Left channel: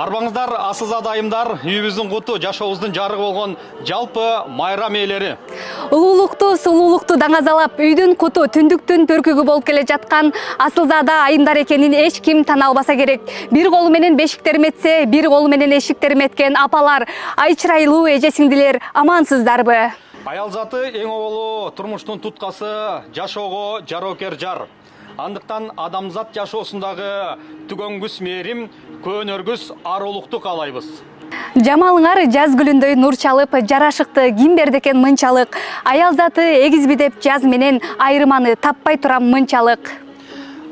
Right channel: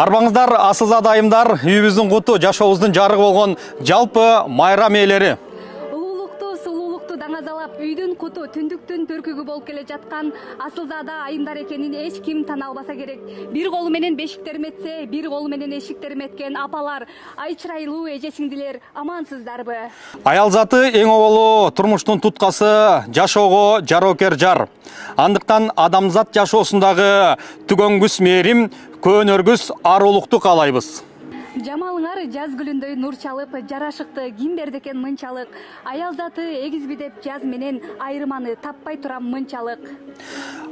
Арбаңыздар, асылзада айымдар, үйіміздің құты, жашауыздың жарығы болған жалпы майрам иелері. Улуулукту, сулуулукту даңазалап, үйдүн куту, түндүктүн төркүгү болуп келе жаткан асылзада айымдар экенин эч ким тана албаса керек. Бир колу менен бешиктерин этсе, бир колу менен эшиктерин эткен апалар, ай чырайлуу эже сиңдилер, амансыздарбы? Аял заты эң оболу турмуштун туткасы, жашоого жароокер жар. Андыктан адамзат жашоосундагы түгөнгүс мээрим, көөнөргүс арулукту каалайбыз. Жамалыңар жаз гүлүндөй нур чалып, жарашыкты ким берди экен мынчалык. Аял заты эгизби деп жаз менен айырманы таппай турам мынчалык.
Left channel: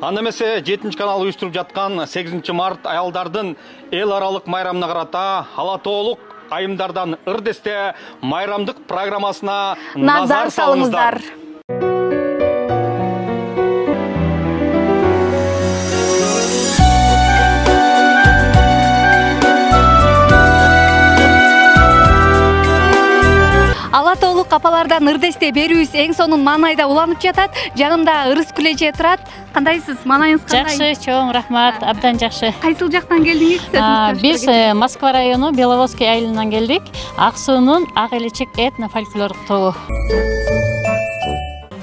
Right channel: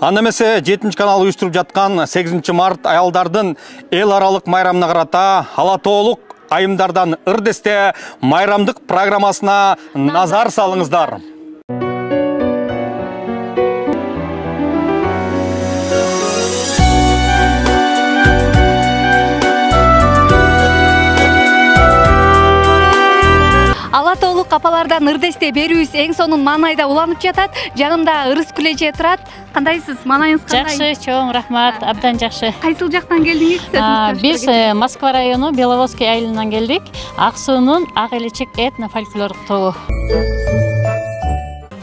Анда эмесе 7 канал уюштуруп жаткан 8 март аялдардын эл аралык майрамына карата ала тоолук айымдардан ырдесте майрамдык программасына назар салыңыздар. Ала тоолук апалардан ырдесте берүүбүз эң сонун маанайда уланып жатат. Жанымда Ырыс Күлеже турат. Кандайсыз? Маанайыңыз кандай? Жакшы, чоң рахмат, абдан жакшы. Кайсыл жактан келдиңиз? Биз Москва району Беловодский айылынан келдик. Ак суунун Ак Элечек этно-фольклорлук тобу.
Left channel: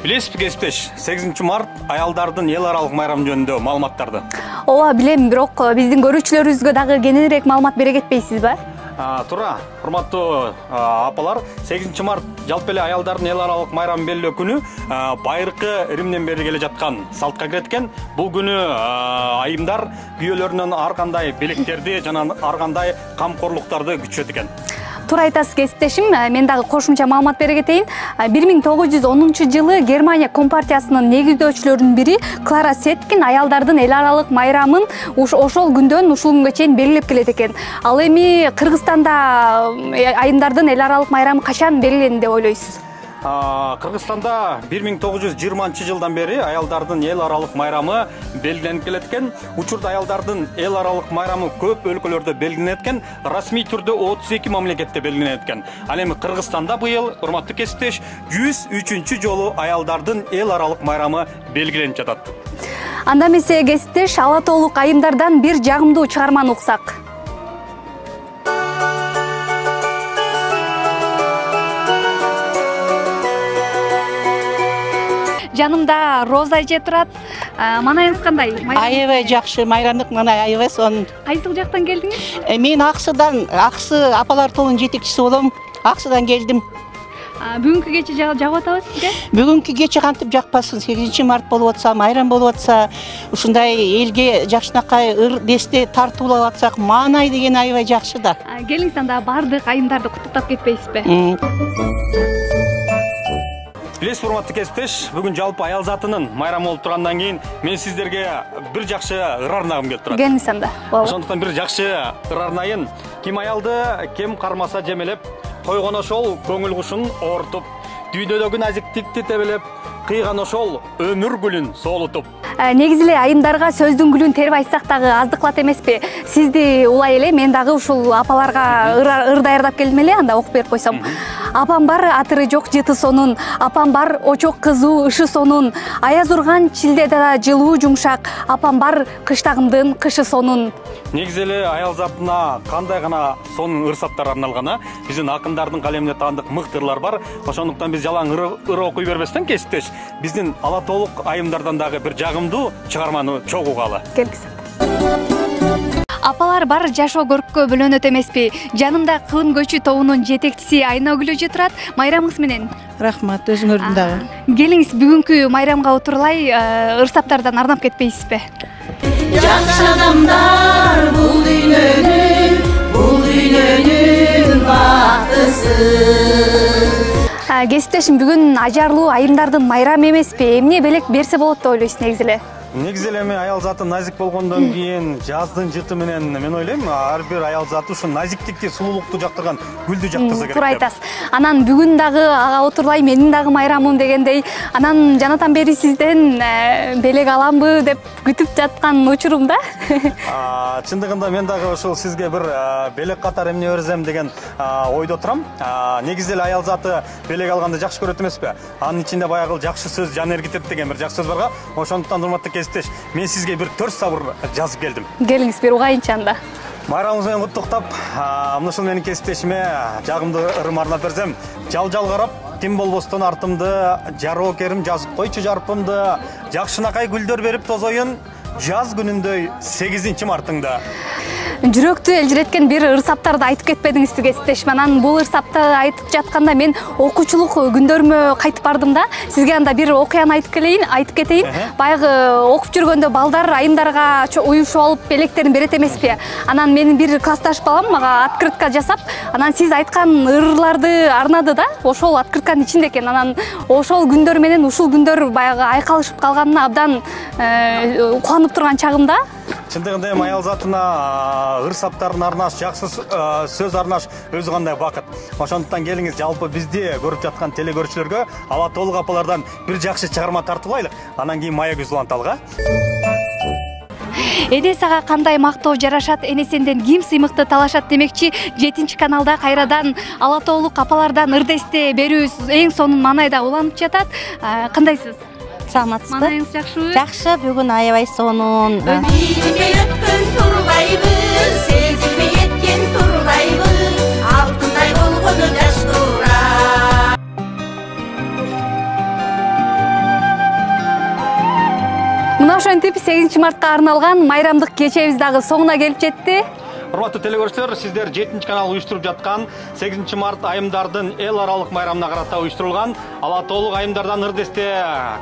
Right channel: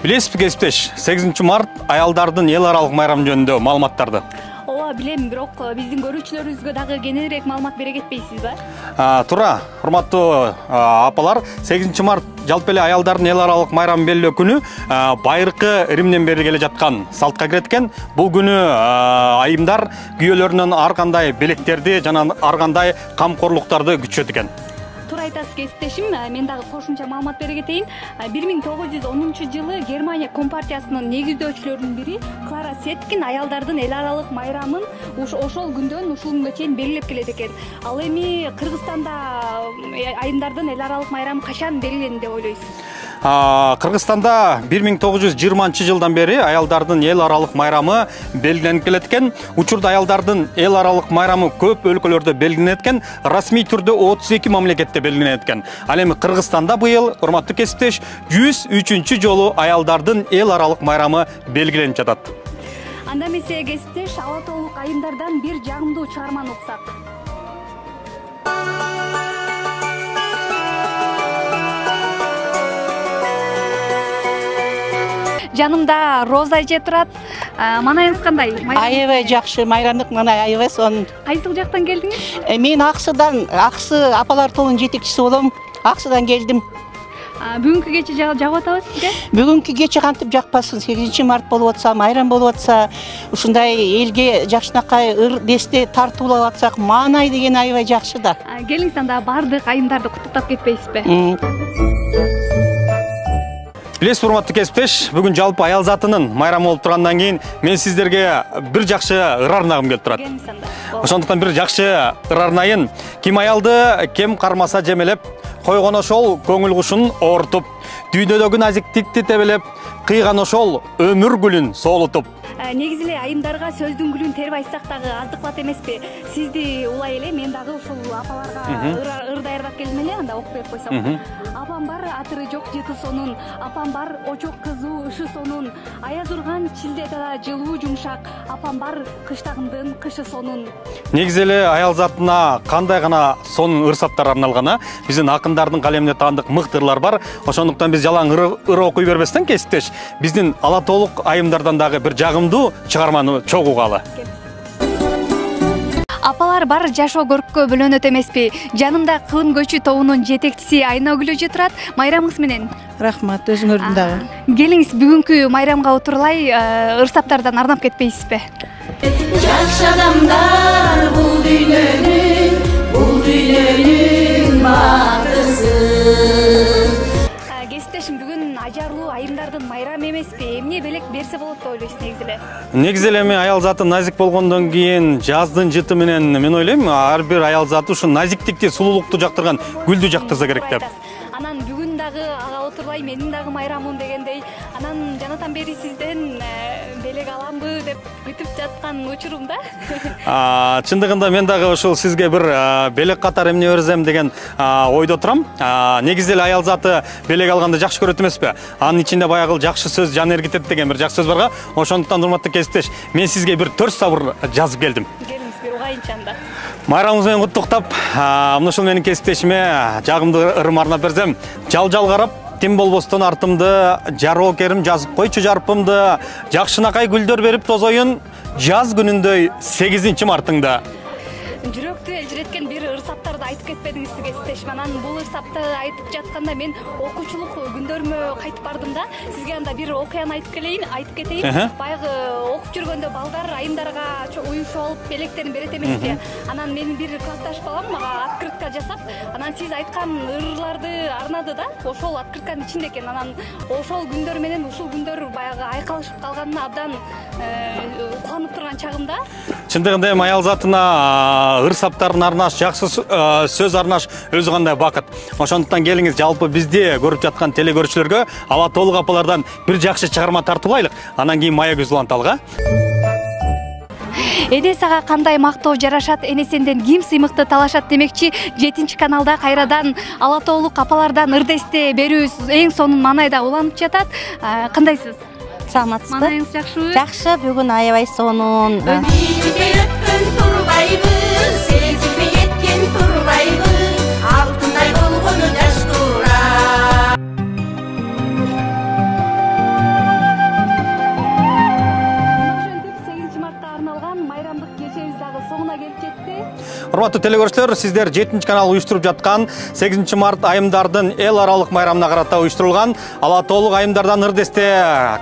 Билесизби кесиптеш, 8 март аялдардын эл аралык майрамы жөнүндө маалыматтарды? Ооба, билем, бирок биздин көрүүчүлөрүбүзгө дагы кененирээк маалымат бере кетпейсизби? Тура, урматтуу апалар, 8 март жалпы эле аялдардын эл аралык майрамын белгилөө күнү байыркы Римден бери келе жаткан салтка кирет экен. Бул күнү айымдар күйөөлөрүнөн ар кандай белектерди жана ар кандай камкорлуктарды күчөт экен. Туура айтасыз кесиптешим, мен дагы кошумча маалымат бере кетейин. 1910 жылы Германия компартиясынын негиздөөчүлөрүнүн бири Клара Сеткин аялдардын эл аралык майрамын ошол күндөн ушул күнгө чейин белгилеп келет экен. Ал эми Кыргызстанда айымдардын эл аралык майрамы качан белгиленди деп ойлойсуз? Кыргызстанда 1920 жылдан бери аялдардын эл аралык майрамы белгиленип келет экен. Учурда аялдардын эл аралык майрамы көп өлкөлөрдө белгиленет экен. Расмий түрдө 32 мамлекетте белгиленет экен. Ал эми Кыргызстанда быйыл, урматтуу кесиптеш, 103 жолу аялдардын эл аралык майрамы белгиленип жатат. Анда эмесе кесиптеш, ала тоолук айымдардан бир жагымдуу чыгарманы уксак. Жанымда Роза эже турат. Маанайыңыз кандай? Аябай жакшы, майрамдык маанай аябай сонун. Кайсыл жактан келдиңиз? Мен Аксы апалар тобунун жетекчиси болом. Аксыдан келдим. Бүгүнкү кече жагып атабы сизге? Бүгүнкү кече кантип жакпасын? 8 март болуп атса, майрам болуп атса, ушундай элге жакшынакай ырдесте тартуулап атсак, маанай деген аябай жакшы да. Келиңиз анда бардык айымдарды куттуктап кетпейсизби? Билесиз, урматтуу кесиптеш, бүгүн жалпы аял затынын майрамы болуп тургандан кийин мен сиздерге бир жакшы ыр арнагым келип турат. Келиңиз анда. Ошондуктан бир жакшы ыр арнайын. Ким аялды кем кармаса жемелеп, койгон ошол көңүл кушун оортуп, дүйнөдөгү назиктикти тебелеп, кыйган ошол өмүр гүлүн соолутуп. Негизи эле айымдарга сөздүн гүлүн терип айтсак дагы аздыклат эмеспи? Сизди улай эле мен дагы ушул апаларга ыр даярдап келдим эле, анда окуп берип койсом. Апам бар атыры жок жыты сонун, апам бар очок кызуу ышы сонун, аяз урган чилдеде да жылуу жумшак, апам бар кыштагымдын кышы сонун. Негизи эле аял затына кандай гана сонун ырсаттар арналган, биздин акындардын калемине таандык мыкты ырлар бар. Ошондуктан биз жалаң ыр окуй бербестен кесиптеш, биздин ала тоолук айымдардан дагы бир жагымдуу чыгарманы чогугалы. Апалар бар жашоо көрккө бөлөнөт эмеспи? Жанымда Кылым көчү тобунун жетекчиси Айнагүл эже турат. Майрамыңыз менен. Рахмат, өзүңөрдүн дагы. Келиңиз, бүгүнкү майрамга отурлай ырсаптардан арнап кетпейсизби? Жакшы адамдар бул дүйнөнүн бактысы. Кесиптешим, бүгүн ажарлуу айымдардын майрамы эмеспи? Эмне белек берсе болот деп ойлойсуз негизи эле? Негизи эле эми аял заты назик болгондон кийин жаздын жыты менен мен ойлойм ар бир аял заты ушу назиктикти, сулуулукту жактырган гүлдү жактырса керек туура деп. айтасыз. Анан бүгүн дагы ага отурбай менин дагы майрамым дегендей, анан жанатан бери сизден белек аламбы деп күтүп жаткан учурумда. Чындыгында мен дагы ушул сизге бир белек катар эмне берсем деген ойдо турам. Негизи эле аял заты белек алганды жакшы көрөт эмеспи? Анын ичинде баягы жакшы сөз жан эргитет деген бир жакшы сөз барга. Ошондуктан урматтуу кесиптеш, мен сизге бир 4 сабыр жазып келдим. Келиңиз бир угайынчы анда. Майрамыңыз менен куттуктап, мына ушул менин кесиптешиме жагымды ырым арнап берсем, жал карап, тим болбостон артымды, жароо керим жазып койчу жарпымды, жакшынакай гүлдөр берип тозоюн, жаз күнүндөй 8-мартыңда. Жүрөктү элжиреткен бир ырсаптарды айтып кетпедиңизби кесиптешим. Анан бул ырсапты айтып жатканда мен окуучулук күндөрүмө кайтып бардым да. Сизге анда бир окуяны айтып кетейин. Баягы окуп жүргөндө балдар айымдарга уюшуп алып белектерин берет эмеспи? Анан менин бир классташ балам мага открытка жасап, анан сиз айткан ырларды арнады да. Ошол открытканын ичинде экен. Анан ошол күндөр менен ушул күндөр баягы айкалышып калганына абдан кубанып турган чагымда. Чындыгында эми аял затына ырсаптарын арнаш, жакшы сөз арнаш өзү кандай бакыт. Ошондуктан келиңиз жалпы бизди көрүп жаткан телегөрүүчүлөргө Ала Тоолук апалардан бир жакшы чыгарма тартуулайлык. Анан кийин мая көз уланталык. Эне сага кандай мактоо жарашат, эне сенден ким сыймыкты талашат демекчи, 7-каналда кайрадан Ала Тоолук апалардан ырдесте берүүбүз эң сонун маанайда уланып жатат. Кандайсыз? Саламатсызбы? Маанайыңыз жакшыбы? Жакшы, бүгүн аябай сонун. Билбей өткөн турбайбыз, сезилбей кеткен турбайбыз, алтындай болгону жаш тура. Мына ошентип 8-мартка арналган майрамдык кечебиз дагы соңуна келип жетти. Урматтуу телекөрүүчүлөр, сиздер 7-канал уюштуруп жаткан 8-март айымдардын эл аралык майрамына карата уюштурулган Ала Тоолук айымдардан ырдесте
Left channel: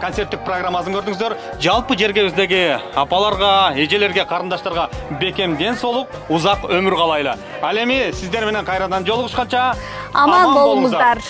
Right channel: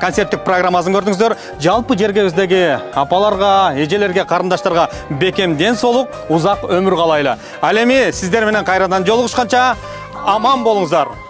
концерттик программасын көрдүңүздөр. Жалпы жергебиздеги апаларга, эжелерге, карындаштарга бекем ден соолук, узак өмүр каалайлы. Ал эми сиздер менен кайрадан жолугушканча аман болуңуздар.